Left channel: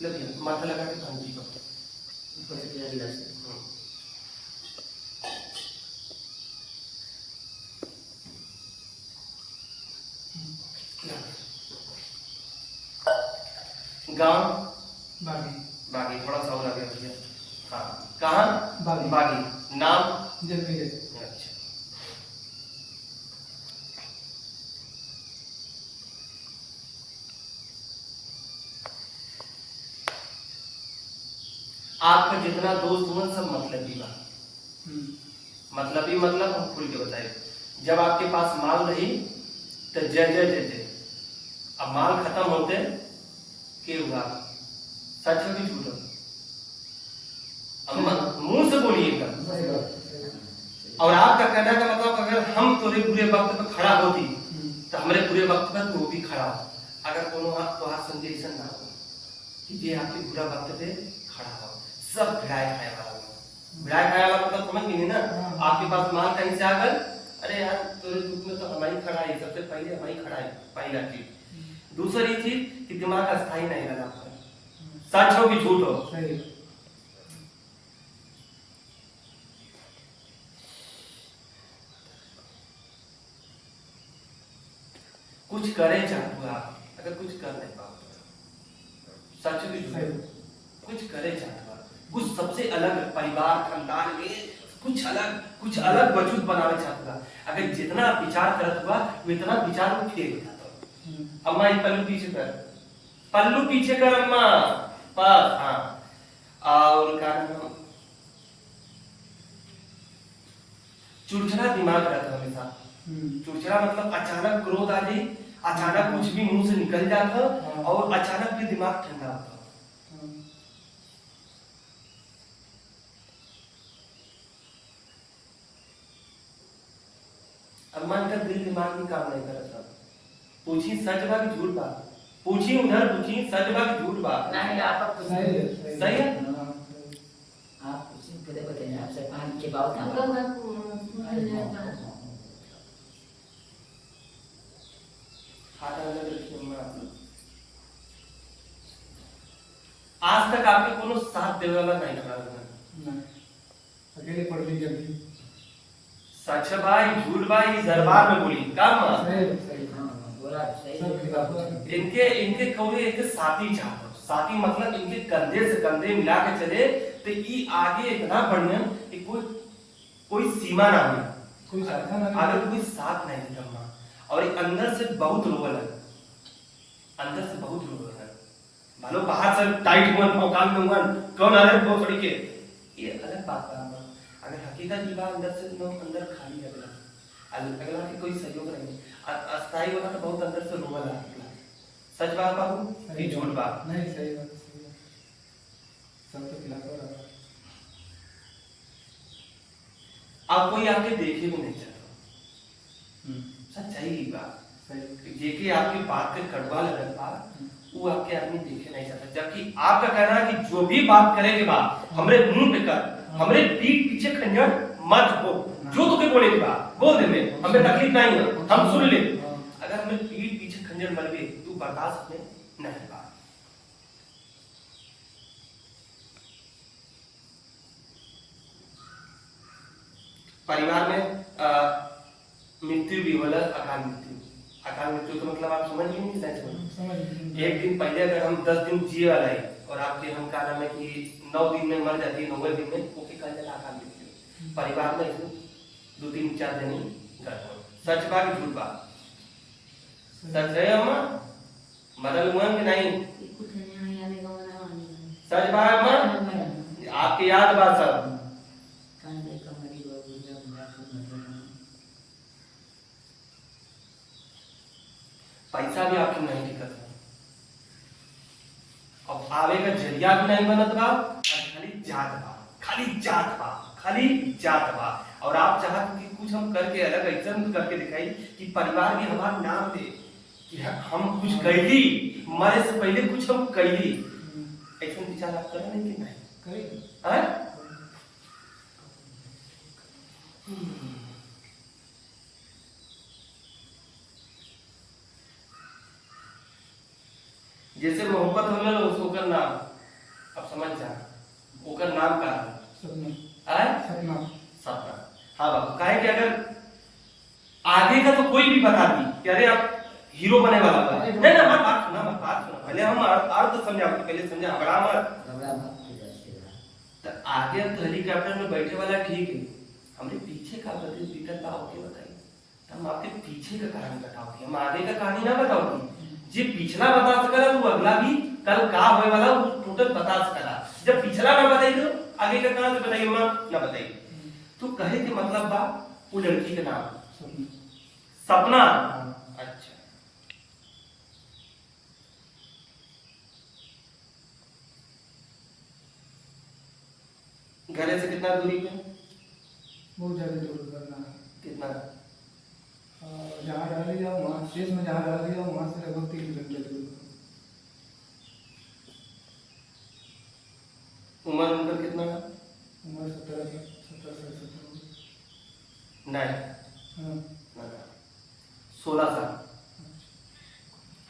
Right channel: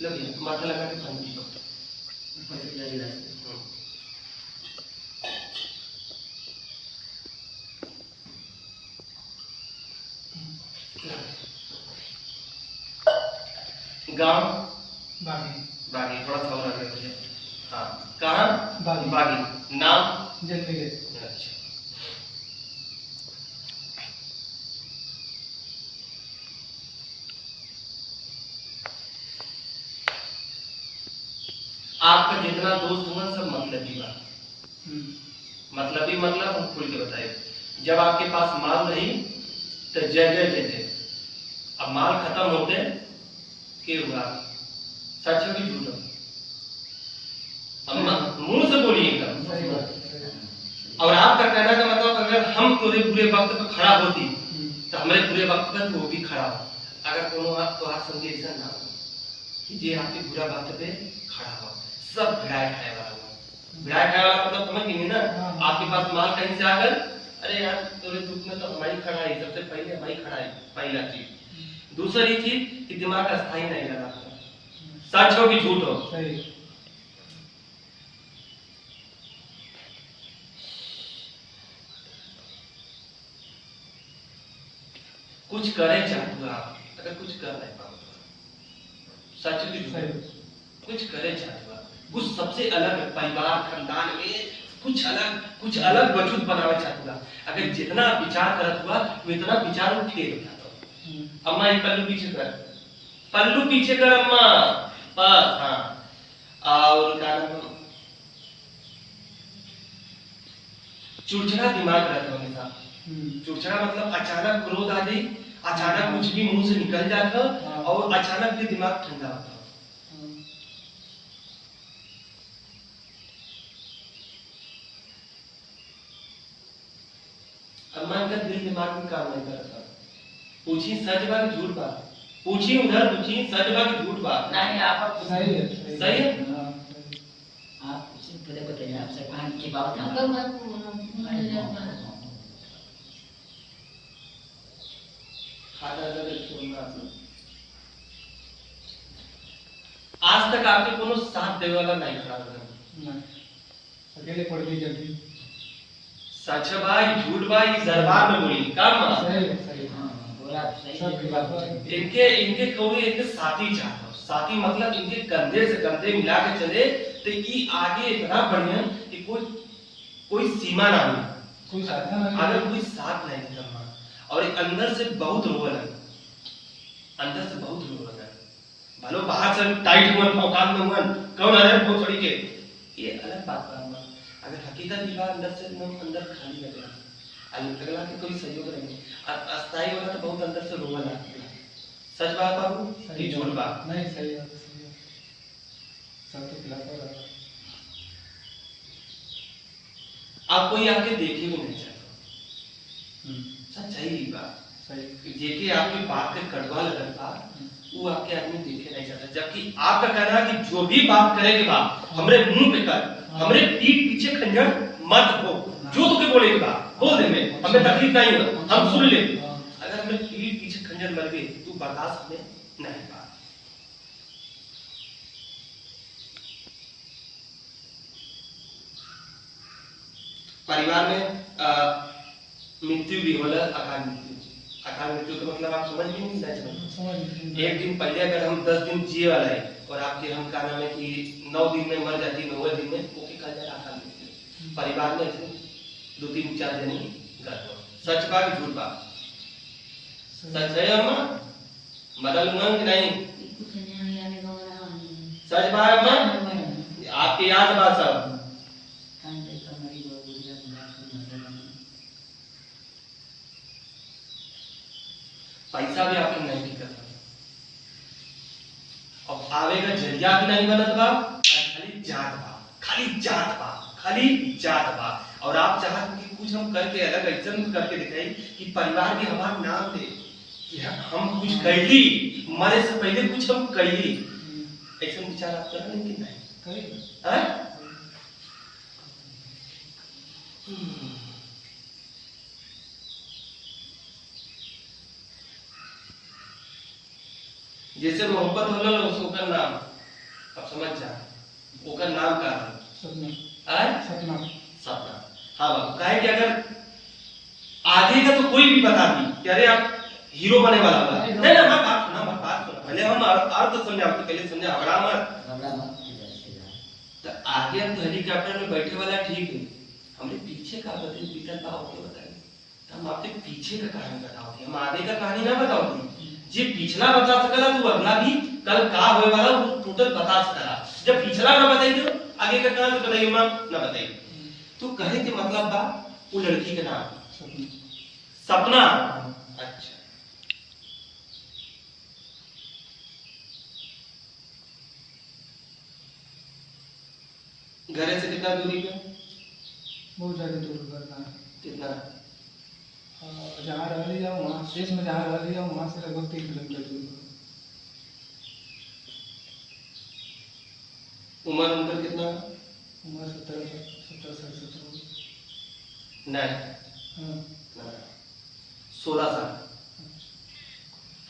लो भैया माथा लगा के पानी पी लो। ऊपर से पूरा गिलास। गांव बागी। बागी थोड़ा सा और आ गया भैया। हाँ कहाँ? बागी। बागी। नाम? जलमेरे। अच्छा। आपका जितना दोस्त हुआ सब मतलबी बा। मतलबी मतलब हम खुल के बताए, जब आपके पास माल नहीं तो जय जय जय जय, अब माल खत्म होते के हुआ सच हो कि झूठ हो? अब मुंह से बोलिए एकदम। और आपका कहना का मतलब अगर हम तोरे बुरे वक्त पे खड़ा होती तो हमारे बुरे वक्त पर तू भी खड़ा हो। अगर कोनो आप तो हाथ समझे ऐसा ना हो कि ये आपके बुरा वक्त पे खड़ा हो, सब भिड़ाए खाए वाला हो। भिड़ाए खाए वाला मतलब समझ गए ना? आपके पास माल कहीं से आकर, अरे यार तोरे दुख में तो हमारी खड़ा है, सबसे पहले हमारी खड़ा है, पहला चीज। दूसरी चीज कि दिमाग अस्थाई नहीं लगा, सच हो कि झूठ हो? कुछ करें चाहते आप, अगर कुछ कर नहीं पाओ सच भी कुछ करे चाहते आप, कुछ सबसे अलग परिवार खानदान में कुछ अलग वजूद बनावे चाहते आप। अगर जितना विचार करत हुआ वो इतना विचार वो फेल हो जाता। अम्मा ये पल्लू पीछे कर, पल्लू पीछे कर अम्मा, बस। हाँ और क्या नाम, चिड़चिड़ा दिमाग रहता है हमेशा। चिड़चिड़ा मतलब अचानक क्रोध आ जाए, अचानक कुछ भी मुंह से निकल जाता और अचानक फिर दिमाग ठंडा होता। अम्मा इनका दिल दिमाग में काम नहीं कर रहा था। पूछी सच बा कि झूठ बा? पूछी उधर, पूछी सच बा कि झूठ बा? नहीं आप सही है। सही है। आप कुछ पूरे बताइए, आपसे कहां के बात था? आज तक आपके कोनो साथ देवे वाला नहीं खड़ा हुआ। अकेले पड़ गई जल्दी। सच भाई झूठ भाई दरबार में बोली काम सही। हां बोला सही। सब बात इनके कौवे एक साथी चाहता, साथी मतलब इनके कंधे से कंधे मिला के चले तो ये आगे इतना बढ़िया कि कोई सीमा ना हो, कोई साथ ना, अगर कोई साथ नहीं देता। और एक अंदर से बहुत रोवल है, अंदर से बहुत रोवल है। भलो बाहर से टाइट हुआ औकात में हुआ कौन अरे बहुत बड़ी के, ये अलग बात है। अगर हकीकत की बात अंदर से नो अंदर खाली लगला, अगला के कोई सहयोग नहीं, अस्थाई वाला तो बहुत अंदर से रोवल है। सच बात बाबू कि झूठ बात? नहीं सही बात, सही है। सब तो खिलाता रहा। आप कोई आपके देखे भी नहीं चाहता, सच्चाई की बात सही। जेके आपकी बात के कड़वा लगल बा वो आपके आदमी देखे नहीं चाहता। जबकि आपका कहना है कि जो भी बात करेगी बात हमरे मुंह पे कर, हमरे पीठ पीछे खंजर मत हो, जो तुके बोले की बात बोल दे, में हमें तकलीफ नहीं है, हम सुन ले। अगर हमें पीठ पीछे खंजर मर गए तू बर्दाश्त में नहीं बा। परिवार में मृत्यु भी होला, अकाल मृत्यु। अकाल मृत्यु का मतलब आप समझ भी नहीं समझ। एक दिन पहले अगर हम 10 दिन जिए वाला है और आपके हम का नाम है कि 9 दिन में मर जाती है, 9वें दिन में ओके कहा जाए अकाल मृत्यु। परिवार में ऐसे 2 3 4 जनी घर पर, सच बा कि झूठ बा? सच है अम्मा, बदल मुंह नहीं सच बा अम्मा, आपकी याद बा सब। पैसा भी आपको नहीं दिक्कत है, अब आवे का जरिया भी नहीं बनत बा, खाली जात बा, खाली जात बा, खाली जात बा। और आप चाहते कि कुछ हम करके अलग ऐसा करके दिखाई कि परिवार भी हमारा नाम दे कि हम कुछ कैली, मरे से पहले कुछ हम कैली। ऐसा विचार आप कर रहे कि नहीं? है जैसे मोहब्बत होला ना उसको ओकर नाम, अब समझ जा, ओकर नाम का सपना आय सपना सपना। हाँ बाबू, काहे कि अगर आगे का तो कोई भी बता दी कि अरे आप हीरो बने वाला बा, नहीं ना, मैं बात सुना, मैं बात सुना, पहले हम अर्थ समझाओ, पहले समझा हमरा मत। घबरा मत, सीधा। तो आगे हम तो हेलीकॉप्टर में बैठे वाला ठीक है, हमरे पीछे का बदल बीतल बा होके बताइए, तो हम आपके पीछे का कहानी बताओ, हम आगे का कहानी ना बताओ। जी पिछला बता सकला तो अगला भी कल का होए वाला वो टोटल बता सकला। जब पिछला ना बताई तो आगे का कहां से बताइए, मां ना बताई। तो कहे के मतलब बा वो लड़की का नाम सपना। अच्छा, घर से कितना दूरी पे? बहुत ज्यादा दूर करना है। कितना? जहाँ रह लिया वहाँ शेष में, जहाँ रह लिया वहाँ से लगभग 3 किलोमीटर दूर। उम्र उनका कितना? उम्र 17 नहीं, हाँ 16 साल।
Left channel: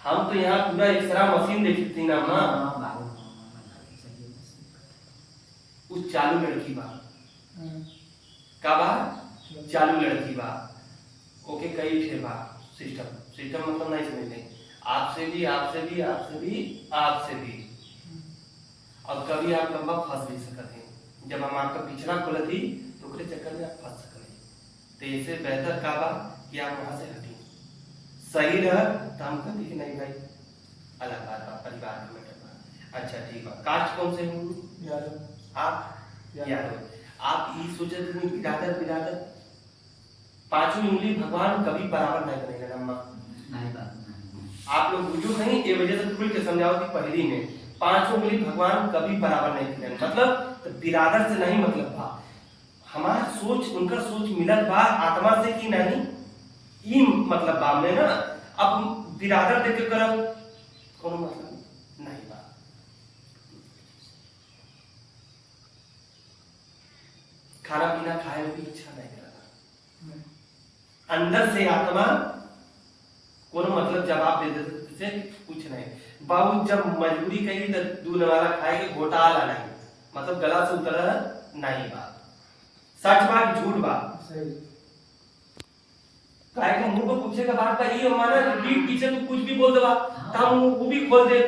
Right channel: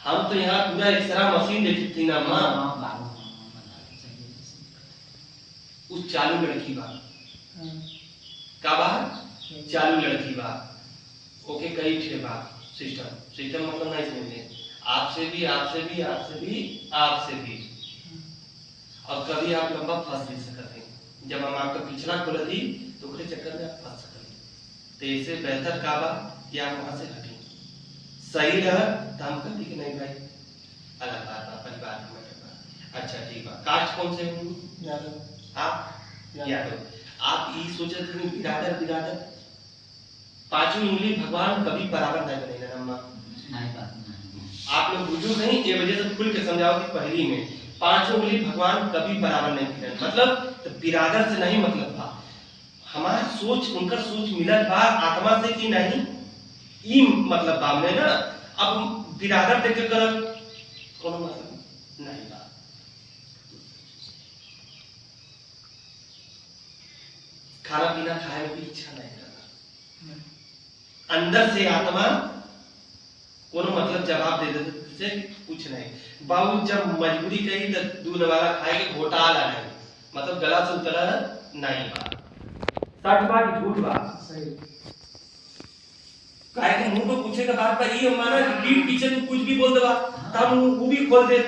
हम तो यहाँ पूरा एक्सरा मशीन देखी थी ना माँ, हाँ बाबू, उस चालू लड़की बा हाँ का बा, चालू लड़की बा, ओके कई ठे बा सिस्टम मतलब नहीं समझते, आपसे भी आपसे भी आपसे भी आपसे भी, और कभी आप लंबा फंस भी सकते हैं। जब हम आपका पिछला खोल दी तो ओकरे चक्कर में आप फंस सकते हैं। तो इससे बेहतर का बा कि आप वहां से हटें, सही रह तो हम कहती कि नहीं भाई अलग बात बा, परिवार में मैटर बा। अच्छा ठीक बा, कास्ट कौन से हूँ? यादव। आप यादव। आप ये सोचते थे बिरादर पांचवी उंगली भगवान कभी बराबर नहीं बनेगा ना माँ। नहीं बाबू, आप लोग बुझो नहीं, ये वजह से खुल के समझाओ कि पहली में पांचों उंगली भगवान कभी बराबर नहीं किया, मतलब तो बिरादर से नहीं मतलब बा, हमारा सोच उनका सोच मिलत बा आत्मा से कि नहीं, ई मतलब बा में ना। अब बिरादर देख के करब कोनो मतलब नहीं बा। खाना पीना खाए में भी इच्छा नहीं करना, अंदर से आत्मा कोनो मतलब जवाब दे देते से कुछ नहीं। बाबू जब मजबूरी कही तो दूध वाला खाए के घोटाला नहीं, मतलब गला से उतरा नहीं बा। सच बा कि झूठ बा? सही। काहे के मुंह पे पूछे के बात पर ये माना पीठ पीछे तू कुछ भी बोल देबा तब वो भी खोल दे।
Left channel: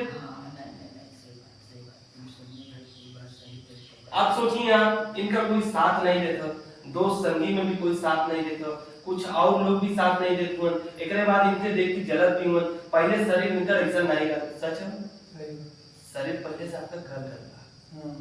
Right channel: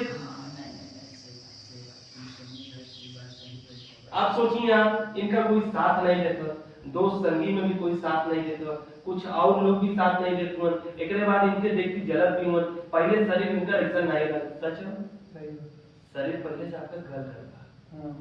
आप सोचिए, आप इनका कोई साथ नहीं देता, दोस्त संगी में भी कोई साथ नहीं देता, कुछ और लोग भी साथ नहीं देते, एकरे बाद इनके देख के जलत भी हुए। पहले शरीर इनका ऐसा नहीं रहा, सच है? सही। शरीर पहले से आपका घर था। हाँ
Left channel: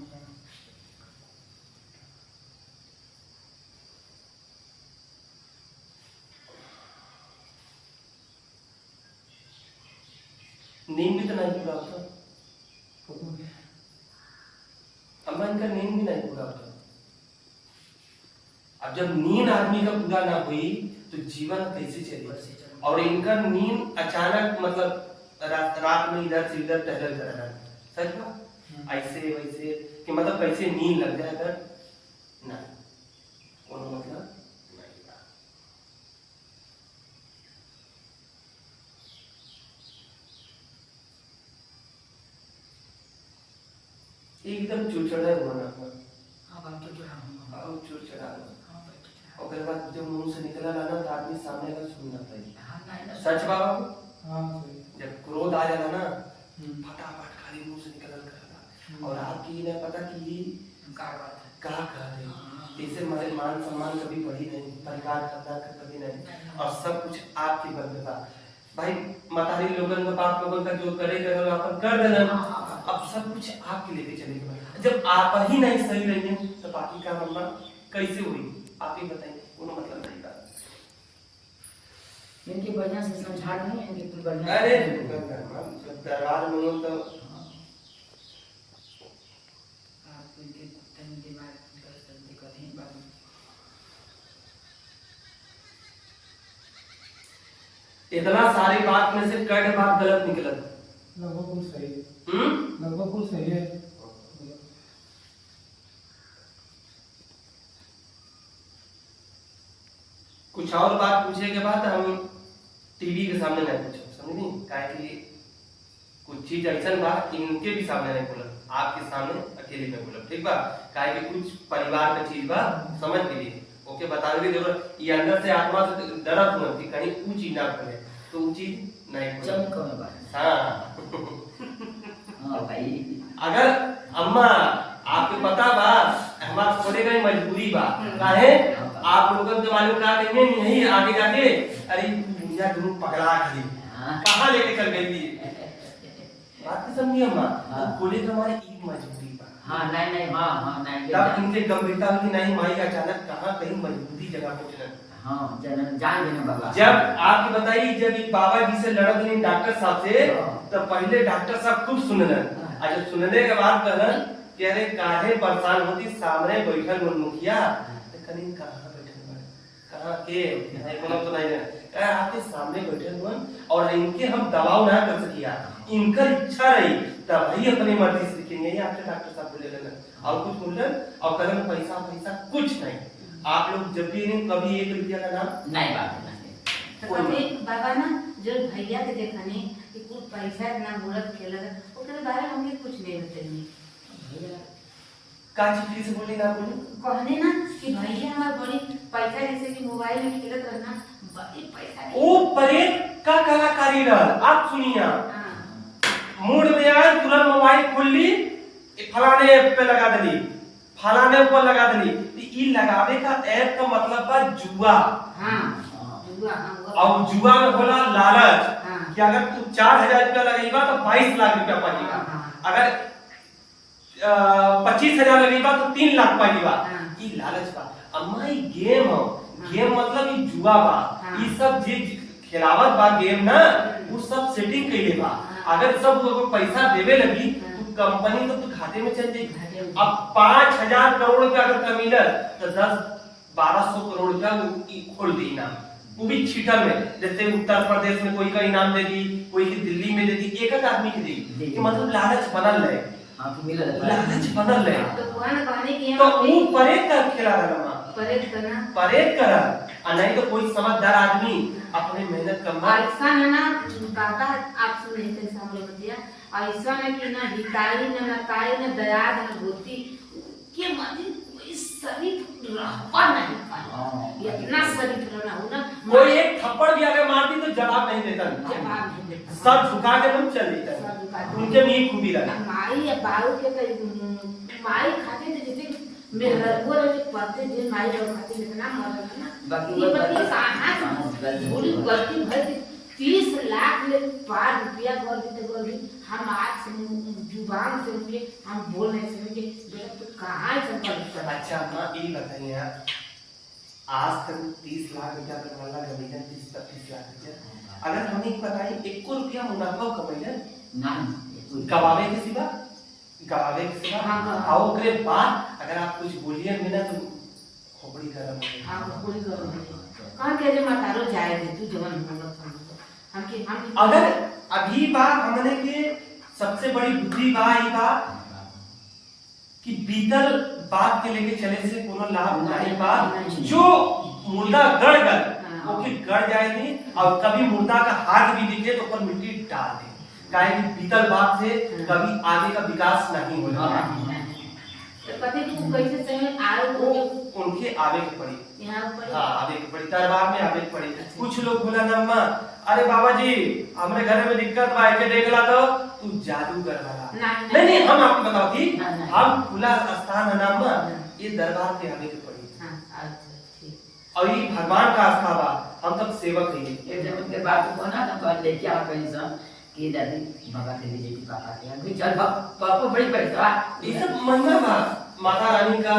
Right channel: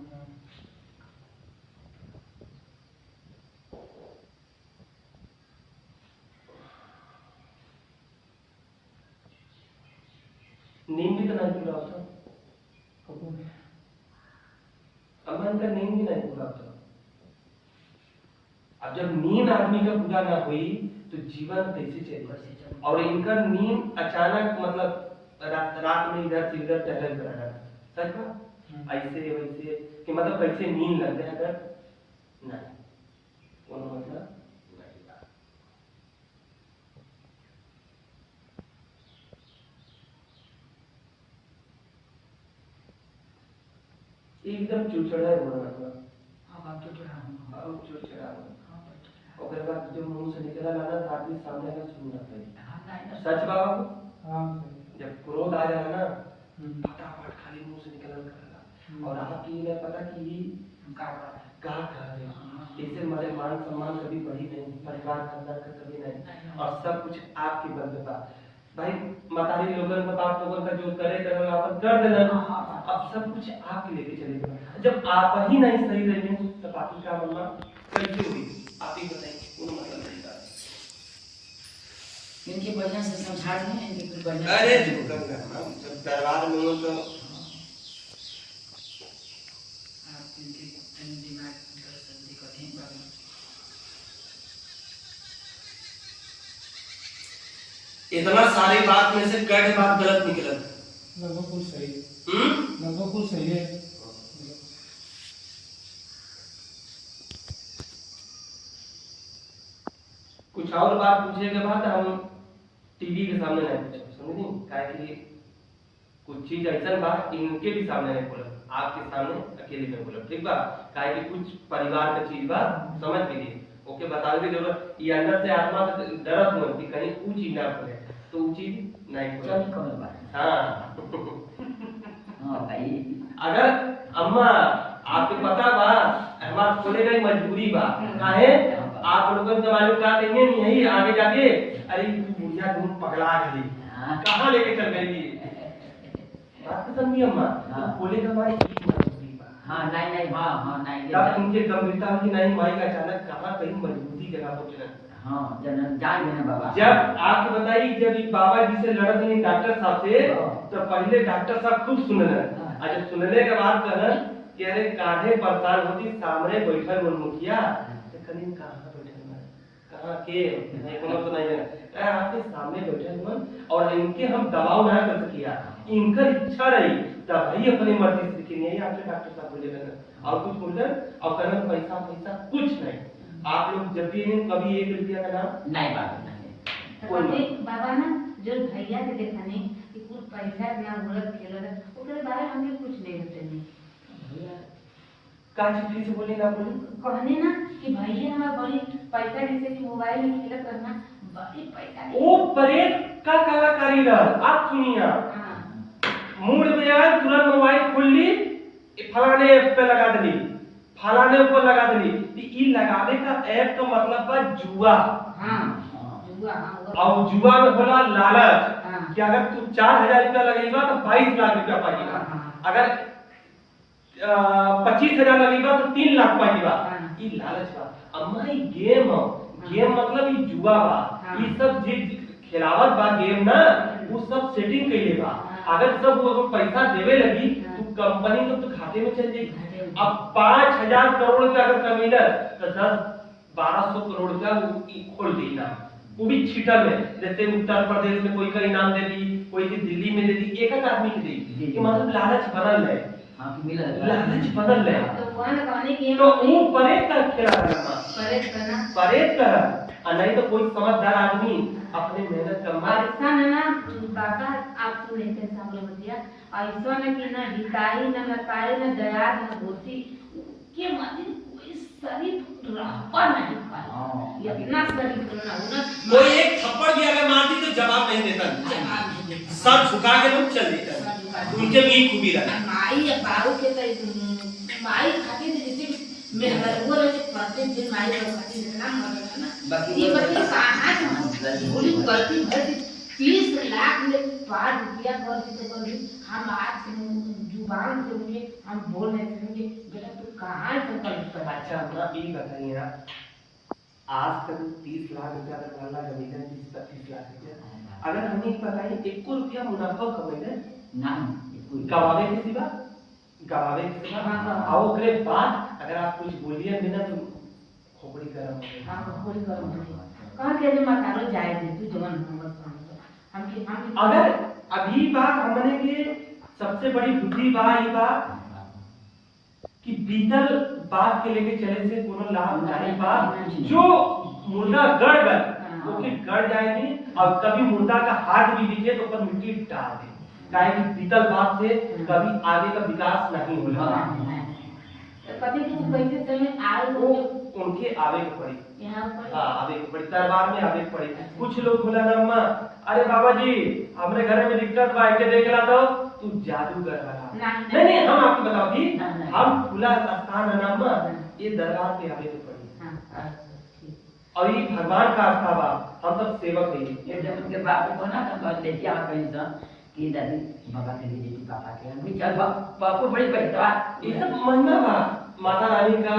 नींद भी तो नहीं पूरा होता, अम्मा इनका नींद भी नहीं पूरा होता। अब जब नींद आदमी का पूरा ना हुई तो जीवन कैसे चलेगा? और इनका नींद अचानक मतलब रात में इधर से इधर टहल कर रहा, सच बा? ऐसे वैसे कि मतलब कैसे नींद लग जाए अगर ना कोनो मतलब नहीं बा। एकदम चिड़चिड़ा होना अब आप तो और चिड़चिड़ा होना। ओकर बाद जब मुंह से निकला ना तो आदमी सामने का सुनना चाहिए, सच बाबा। हाँ सही। जब क्रोध आ जाना ना फटाफट खाली मुंह से निकलल करला, और आपकी नहीं पता कि ये का कर रहे हैं। इससे हमारे मान सम्मान कभी बढ़ी नहीं, परिवार खानदान का कभी नहीं, और सब कुछ आपके बल पे बा। भाई मतारी लोगन का बाप लोगन का जो करे करे अपन कर देना, अब सब कुछ आपके लेके चलेगा। जब आप ही नहीं सही रहिए तो बाकी का मम्मा कैसे हुई आप ही बताइए, कोनो मतलब नहीं था। इनकी बढ़िया से समझा दें, इनकी बढ़िया। अरे जब दरबार में हो तो आप इनके दिमाग का दिक्कत है बाबू। इतना सारी बात में से कई बात गलत निकलत, लगभग कुछ सही है। हम्म लगभग कुछ सही है। कुछ और बात पूछे के बाद हम टीवी के सामने नहीं पूछो, समझी? काहे कि कुछ चीज ऐसा बा इनके भी सामने नहीं बोलब, आपके सामने अकेले में बोलब, ठीक बा? काहे कि कुछ परिवार का चीज बा, समझ लीजिए। ओके, बतावे की जरूरत, ये अंदर से आत्मा से डरत हो कि कहीं वो चीज ना बोले, तो वो चीज नहीं बोले। चल कौन बात? हाँ हाँ भाई, अगर अम्मा आपको पता बा हमार खोले गई मजबूरी बा, काहे आप लोगों को मालूम का कहेंगे यही आगे जाके, अरे बुढ़िया तुम पगला गई, कहाँ लेके चल गई थी? बात की समझी अम्मा? तो खोले का हमारी एक मजबूरी बा। हाँ नहीं, हाँ नहीं, तब इनके गंभीरता होती नहीं, माई अचानक कहाँ कहीं मजबूरी जगह पहुंचना। हाँ जनन जान गए बाबा। जब आपकी बताई, जब इस बाबा जी से लड़त नहीं डॉक्टर साहब से, तो पहले डॉक्टर साहब खूब सुनने, और जब सुनने के बाद कहना कि अरे काहे परेशान होती, सामने बैठल मुखिया, तो कहीं कहाँ बैठल बा, कहाँ के नहीं, कोनो तो नहीं है, आपके सामने बैठल हुआ, और इनके हम दबाव ना कर सकिया, इनका इच्छा रही तब ही अपनी मर्जी से, लेकिन यही आपके डॉक्टर साहब बोले ना, और कुछ बोल रहे, और करें पैसा कुछ नहीं, आप लोग जब भी नहीं कभी 1 रुपया का नाम नहीं बात नहीं। तो कभी बाबा ना जो भैया के देखने कि कुछ पैसा ना मुरत खेला ओकरे बारे में हमें कुछ नहीं होते नहीं भैया का चीज से बोली ना बोली, कहने ना कि भैया हमारा बड़ी पैसा जैसे कि मोबाइल में खेलत रहना बड़ी पैसा ओ परेड का कलाकारी रहा। आप सुनिए, मूड में आए तुरंत मोबाइल खोल ली, फलाने पे लगा दली, फलाने ऊपर लगा दली, तो ई लगावे का ऐप का मतलब बा जुआ। हां जुआ, और जुआ में होला लालच, हाँ। कि अगर तू 4000 रुपया लगेगा तो 22 लाख रुपया पाएगा, अगर 25,000 लगेगा तो 3 लाख पाएगा, ई लालच बा। अम्मा ई गेम हो, गेम मतलब ई जुआ बा, ई सब जे खिलावत बा गेम ना, वो सब सेटिंग कइले बा। अगर सब वो पैसा देवे लगी तो कंपनी तो घाटे में चल जाएगी। अब 5000 करोड़ रुपया अगर कमीला तो 10-1200 करोड़ रुपया वो खोल दी ना, वो भी छीटर में, जैसे उत्तर प्रदेश में कोई का इनाम दे दी, कोई की दिल्ली में दे दी, एक आदमी की दी, कि मतलब लालच बनल है। हाँ तो मिला लालच बनल है, तो कौन कहने की तो वो परेड का खेला करना, परेड करना, परेड करा, और नहीं तो कोई समझदार आदमी अपने मेहनत करना। ऐसा है ना बाबा, आप सुन लेते हैं सामने बतिया, ऐसा है कि ना हिताई ना नताई ना दयाद ना गोती के मत कोई शरीफ रहता नहीं पाया, इतना शरीफ रहना होना, कोई एक थप्पड़ भी अगर मार दी तो जवाब नहीं देता, सर झुका के तुम चल देता, उनके भी एक खूबी लगा। माई या बाऊ के तो माई खाती थी जैसे मेहनत वो रहे पति दिन माई लोग खाती इतना मजा ना, बाकी ये बच्चे साहब बोली गलती भर 30 लाख ले 5 रुपया कर दी तो हम आज से जुबान से मुझे हम बोल नहीं सकेंगे, बेटा तू कहाँ संकल्प कर। अच्छा अपना ये बताइए आप, आज तक 30 लाख रुपया तक वाला कमीशन 30-35 लाख रुपया, अगर हमें बताइए 1 रुपया मुनाफा कमाइले नहीं गवावे के सिवा, गवावे के सिवा, हाँ, और ओकरे बाद अगर आप कुछ बोलिए बिना तो खोपड़ी गरम हो जाए। हाँ कोई गरम नहीं, कहाँ के जो मतारो जाए दे तू जवन हम अगर अभी बात हमने के सबसे बड़ी बुद्धि बा ई बा कि बीतल बात के लेके चले से कोनो लाभ नहीं बा, जो मुर्दा गड़ गल ओके गड़ जाएगी, और कभी मुर्दा का हाथ भी दिखे तो ऊपर मिट्टी डाल दे, काहे कि बीतल बात से कभी आगे का विकास नहीं होगा। कभी तू कैसे समय आए वो उनके आवे के पड़ी, यहाँ पर हाँ आवे के पड़ी, दरबार में आवे के पड़ी। कुछ लोग बोला ना अम्मा, अरे बाबा जी हमरे घर में दिक्कत बा, के देखला तो तू जादूगर वाला नहीं नहीं, हम आपको बताओ थी, हम खुला स्थान है ना अम्मा, ये दरबार पे आवे के पड़ी, और ये भगवान का आस्था बा, हम सब सेवक है। ये जब उनके बाप को ना तो ले क्या कहीं सा कि दादी बाबा के लिए जी पापा के अभी चल पापा बड़ी पैसा ये सब महिमा बा, माता रानी का,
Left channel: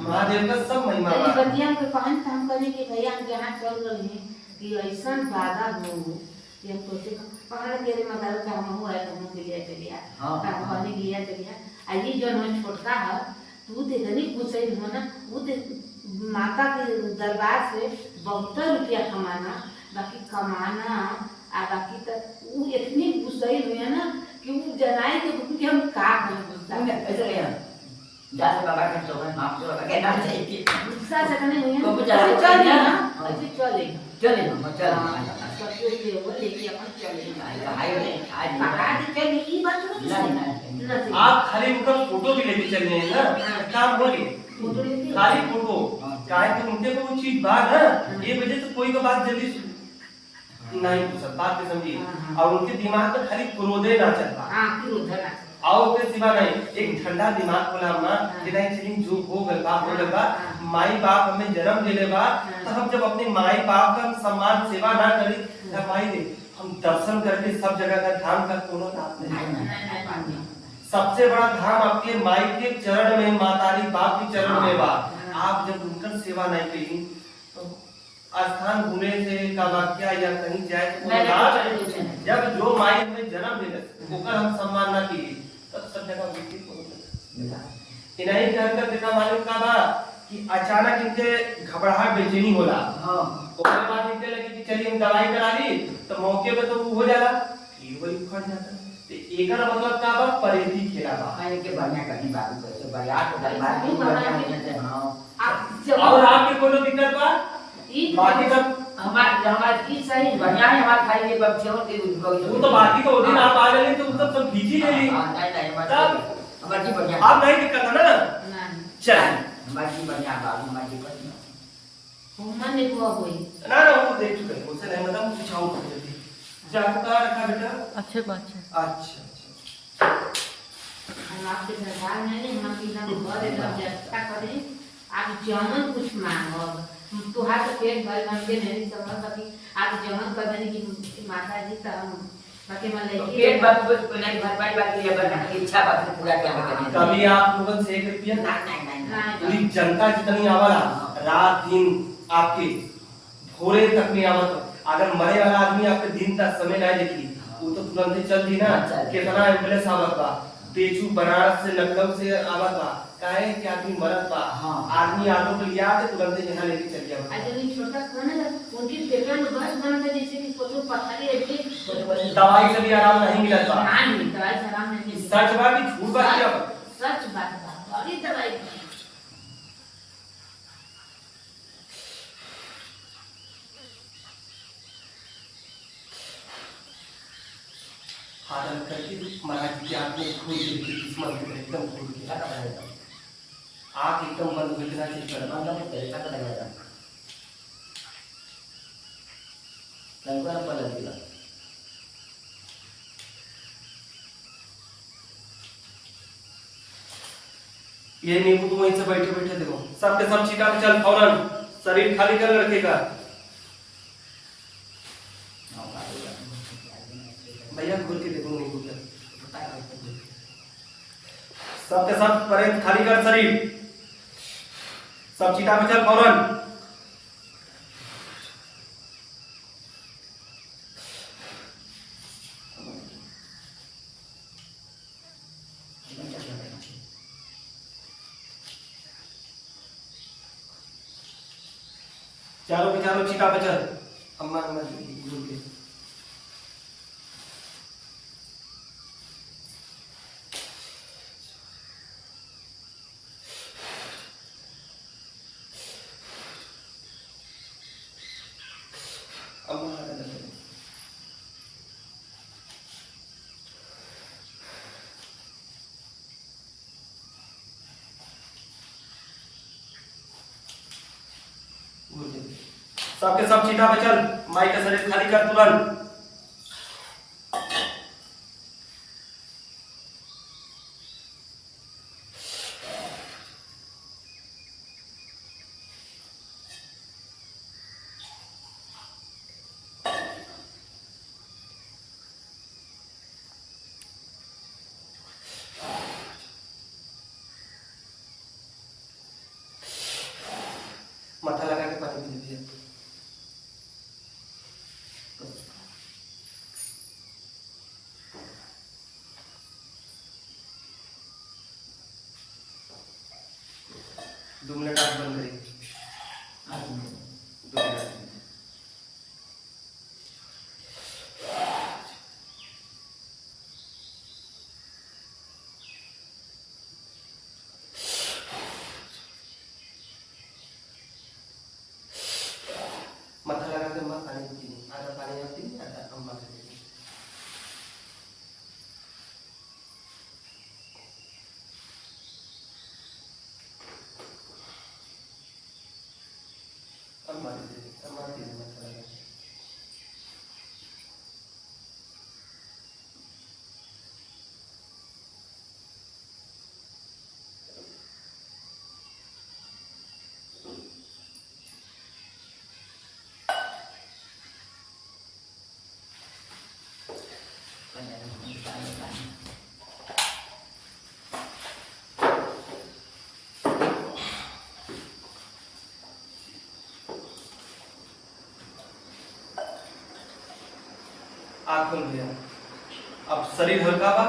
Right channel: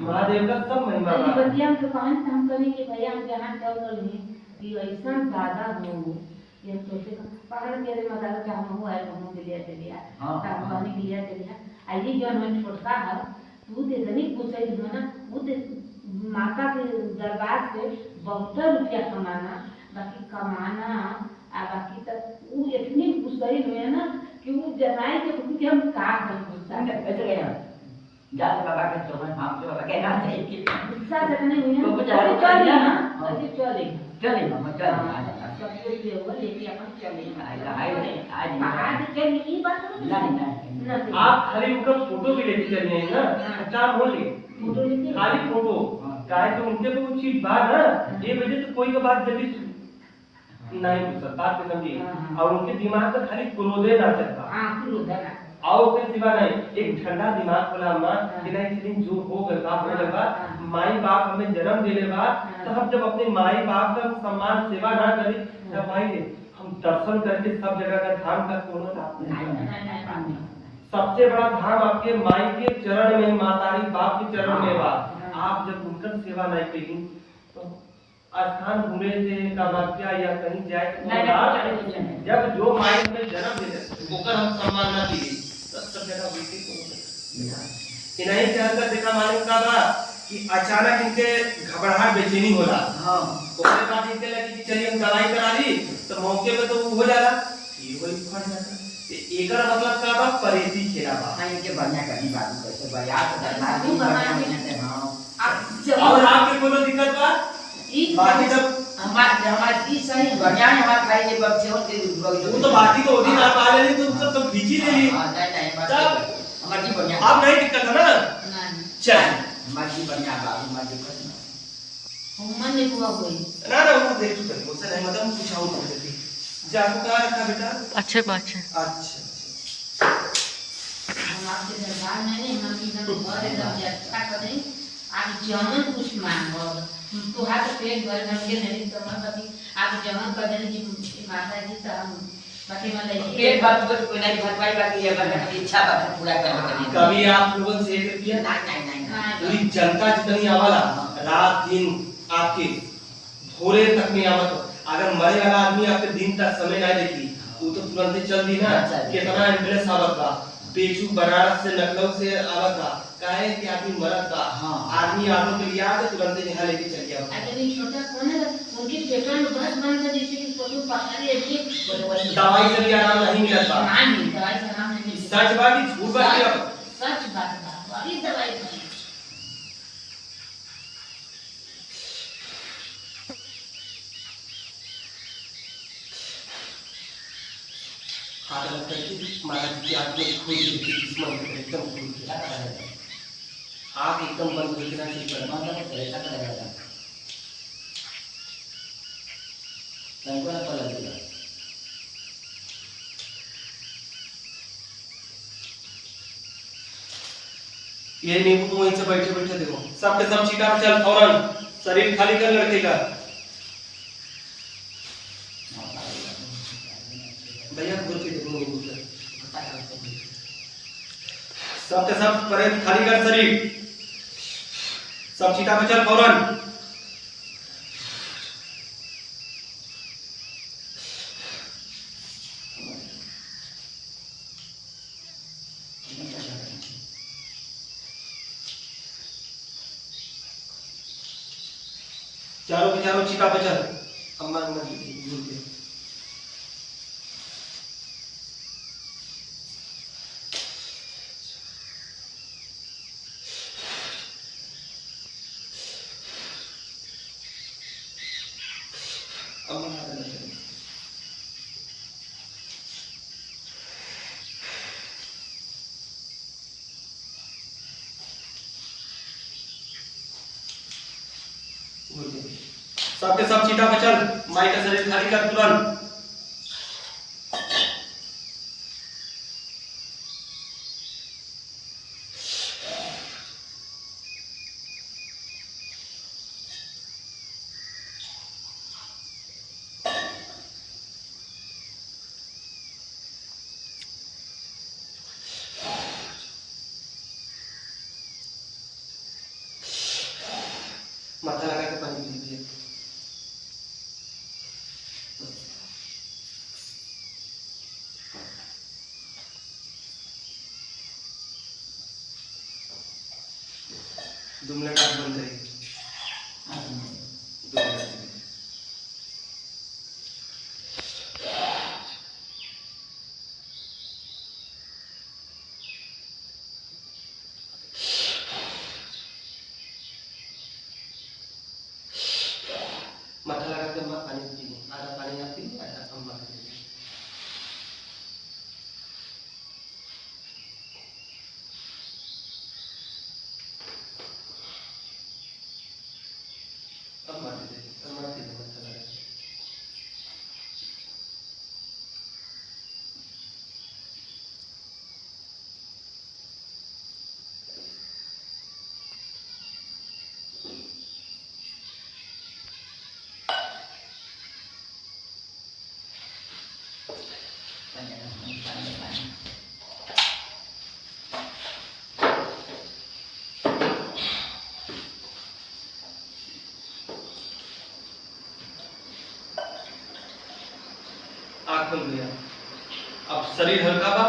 महादेव का सब महिमा बा। बतिया के कहन हम कहने के भैया हम यहाँ चल रहे हैं कि ऐसा दादा हो ये सोचे पहाड़ के रे मगर क्या हम हुआ है हम के लिए चलिया, काम करने के लिए चलिया, आई जो हम छोटका है तू ते गरीब पूछे हो ना, वो ते माता के दरबार से बहुत रुपया कमाना, बाकी कमाना आ बाकी तक वो इतनी गुस्साई हुई ना कि वो जनाई के हम का बोलता ऐसे गया जाते बाबा के तो हम तो बाबा के नाम से गुस्सा जगने हुई है तो चल ना अच्छी चलेगी चले मामा चल आज सब कुछ देवर लेके अपन चले आज कहाँ से चली ये बात तो नहीं आप खाली उनका फोटो भी लेके चले हैं ना, काम हो गई। फोटो लेके खाली फोटो काहे तो उनके को वो चीज बात है, ये वजह से कोई का बात जल्दी नहीं पूछ सकता, बात के समझिए। और उनके दिमाग में खाली क्रोधे ना चलता, हाँ फिर उधर ना और के सिवा नहीं, एक ठंडा दिमाग होला अम्मा कि नहीं चलिए जो हो गल बा, माई बाप हमें जन्म देले बा, तो हम जब अपने माई बाप का सम्मान सेवा ना करी तब माई दे हम दर्शन करके सब जगह का धाम का कोनो लाभ नहीं। सबसे बड़ा धाम आपके माई के चरण में, मातारी बाप के चरण में बा। आप जब उनका सेवा नहीं करी तो स्थान घूमे से कामाख्या या कहीं जाए तो जब जो माई हमें जन्म दिले ओकर हम सम्मान ना की तब सब जगह उल्टी को नहीं कहकर देखा मालूम का बा कि अचानक इनके घबराहट बेचैनी होला। हां ओकरे बाद इनके लगी कि चलिए हम दवाई करा दी तो मौके पे तो हो जाला, ये वही फट जाता। तो एकर मतलब का बा परेती खेला बा। नहीं के बढ़िया कहीं बात करते बया तो दरबार में बढ़िया से हां और आपके कोनो दिक्कत बा बाकी सब हमारी सही बढ़िया है, हमारे खाई के बच्चों के वो तो बाकी तो दिन आप आ लेनी तो सब खींची ले ली। नहीं हमारी बढ़िया आप नहीं दिक्कत है ना, चल हमारी बढ़िया बात हमारी बढ़िया मन ने हुआ कोई ना ना वो देख चुके मुझसे नहीं मतलब पूछाऊं पड़ जाती जाको कहाँ रखा बेटा। अच्छा अच्छा हम आपके दरबार में नहीं हम एकदम घर एकदम अच्छा कर दें। आप जमन कुछ मांगो तो हाथ पेट भर भर के नहीं समझ सकती। आप जमन कर देने की माता जी तो हम बाकी मन लगे पेट भर कुछ कोई नहीं भर पाई बाकी अगर हमारी इच्छा बात पूरा करने के लिए कभी आप लोगों से 1 रुपया नहीं पूरी जनता जितनी आवाला रात दिन आपके भोरे तक में आवत। अगर मरे वाला आदमी आपके दिन तक समय नहीं देखी वो तो तुरंत ही चल दी ना। कितना एम्बुलेंस आवत बा, पेचू बनारस से लखनऊ से आवत बा, काहे कि आदमी मरत बा। आदमी ऑटो पे लिया के तुरंत ही यहाँ लेके चल गया। अगर ये छोटा कौन है उनकी पेट में बस बन कर जैसे कि कोई पत्थर है दवाई से भी आराम नहीं मिलत बा। नहीं दवाई से आराम नहीं मिलता। सच बा कि झूठ बा कि अब सच बात बा बड़ी दवाई बा। हाथ अलग करके महाराज जी के हाथ में खोल के किस्मत में एकदम खोल के आँख एकदम बंद कर देना चाहिए। पर बंद मत करे तक लगेगा लंगड़ा पर लगेगा ये नींबू तुम वहीं से बैठे बैठे देखो सबके सब चीटा पे चल फौरन शरीर खाली कर लड़के का। भैया घूर के देखो नींबू के सबके सब परे खाली कर शरीर सब चीटा पे चल फौरन। चारों के चारों चीता पे चल अम्मा घूर के सबके सब चीटा पे चल माई का शरीर खाली कर तुरंत। माथा लगा के पानी पी लीजिए। 2 मिनट आँख बंद करिए। 2 मिनट माथा लगा के आँख खुल गया। अब शरीर हल्का बा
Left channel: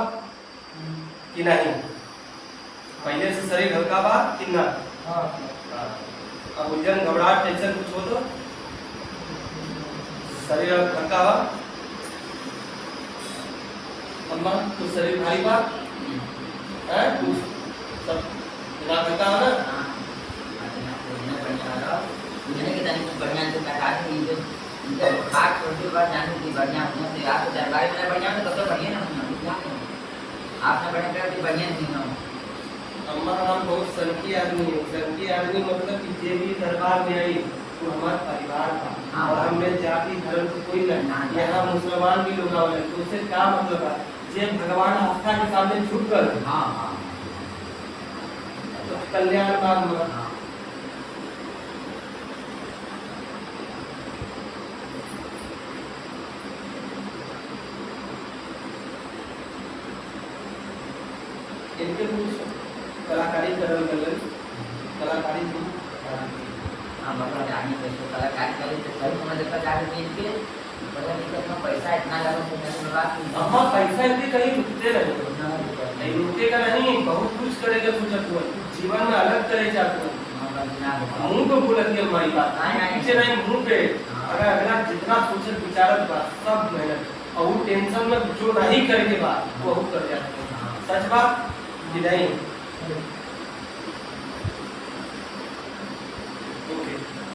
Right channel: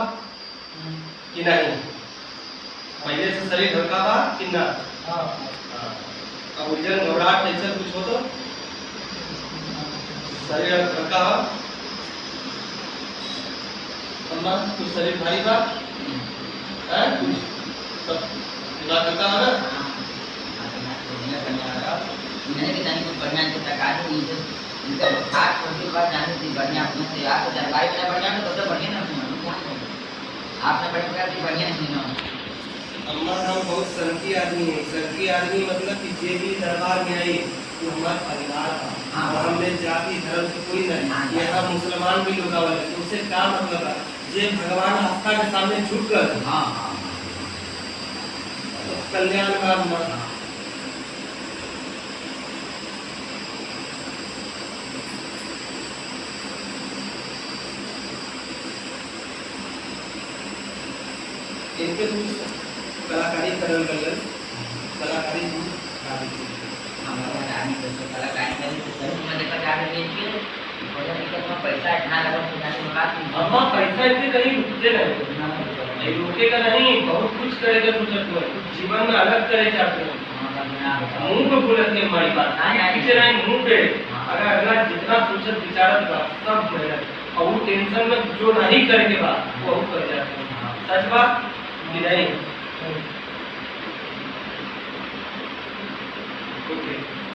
कि नहीं? पहले से शरीर हल्का बा कि ना? हाँ अब उलझन घबराहट टेंशन कुछ हो तो शरीर हल्का बा। अम्मा कुछ शरीर भारी बा है? कुछ सब दिमाग हल्का है ना? इनका हाथ छोटे बात जाने दी बढ़िया अपने से आपको दरबार में बढ़िया तो सबसे बढ़िया ना आपने बढ़िया कर दी बढ़िया नहीं ना। अम्मा हम बहुत सनकी आदमी है। सनकी आदमी मतलब कि जे भी दरबार में आई तो हमारा परिवार था और हमने जाति धर्म से कोई नहीं। यहाँ मुसलमान भी लोग आवे तो उससे क्या मतलब है? जे भगवान आस्था के सामने झुक कर तो कल्याण मार्ग इनके कुछ कलाकारी करल गल कलाकारी हमारा जाने को तो कलाकारी करे तो सही में देखा जा रही है कि बड़ा दिक्कत में पैसा इतना लगा तो जाने में बात नहीं। अम्मा पैसा इतने कहीं रुकते नहीं रुकेगा नहीं। बहुत कुछ करेगा सोचत हो जीवन में अलग करे जाते हो। मुंह पे बोलत नहीं हमारी बात पीछे नहीं मुंह पे। अगर अगला जितना सोचत विचारत बा सब मेहनत और वो टेंशन में जो नहीं करे के बाद वो कर जाते हैं। सच बात कि नहीं?